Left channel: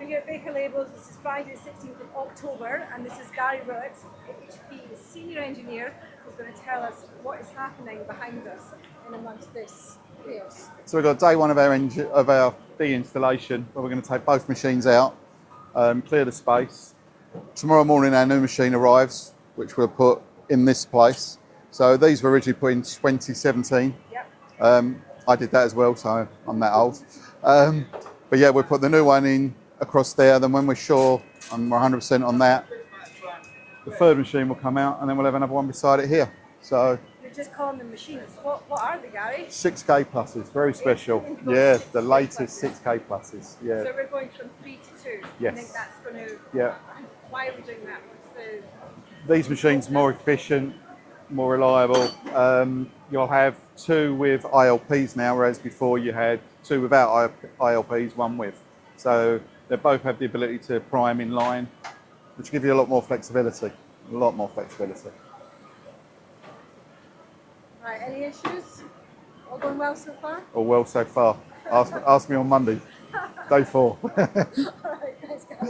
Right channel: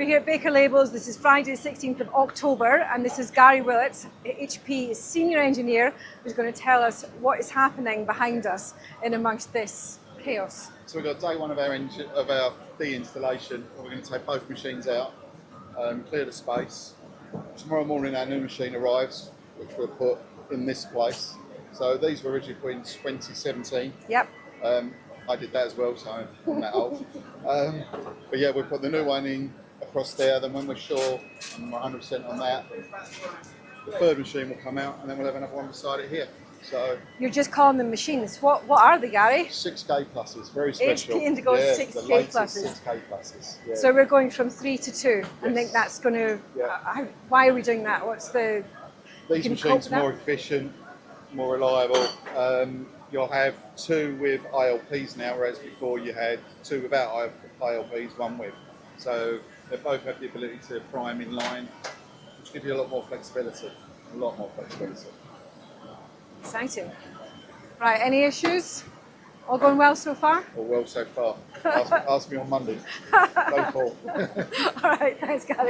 We're here at Baker Labels. This is Friday, 16th of October, and this is Gary Willats, HP senior engineer, who's going to tell us what is happening behind us in amongst this chaos. So we've got day one of our de-installation, where we're going to take both machines out, clear the space. Tomorrow morning our new machine arrives, which we'll put in this place. So these were originally put in 2017. Yep. I did that as well, so I'm that old. But yeah, we'll put the new one in across there. Then when we're sure and we're 100% on that, the third machine will come out, and then we'll have another one beside it here. So you're just calling them machines. What are they, Gary? 6K pluses, very special. HP Indigo yeah, 6K the latest pluses. 6K pluses. Yeah. So we're going from 3 to 2. Yes. I think that's going to. Yeah. Why are we doing that? What's the? These machines are more efficient, more reliable. You'll have 2 with ILPs now, whereas before you had 2 without ILPs, 1 with. So they both have the ability to prime in line, which give you a lot more flexibility. A lot more flexibility. Exciting. Right, any issues? All going well so far? All well so far. Ask me on Monday. Day 4. All right, thanks, Gary.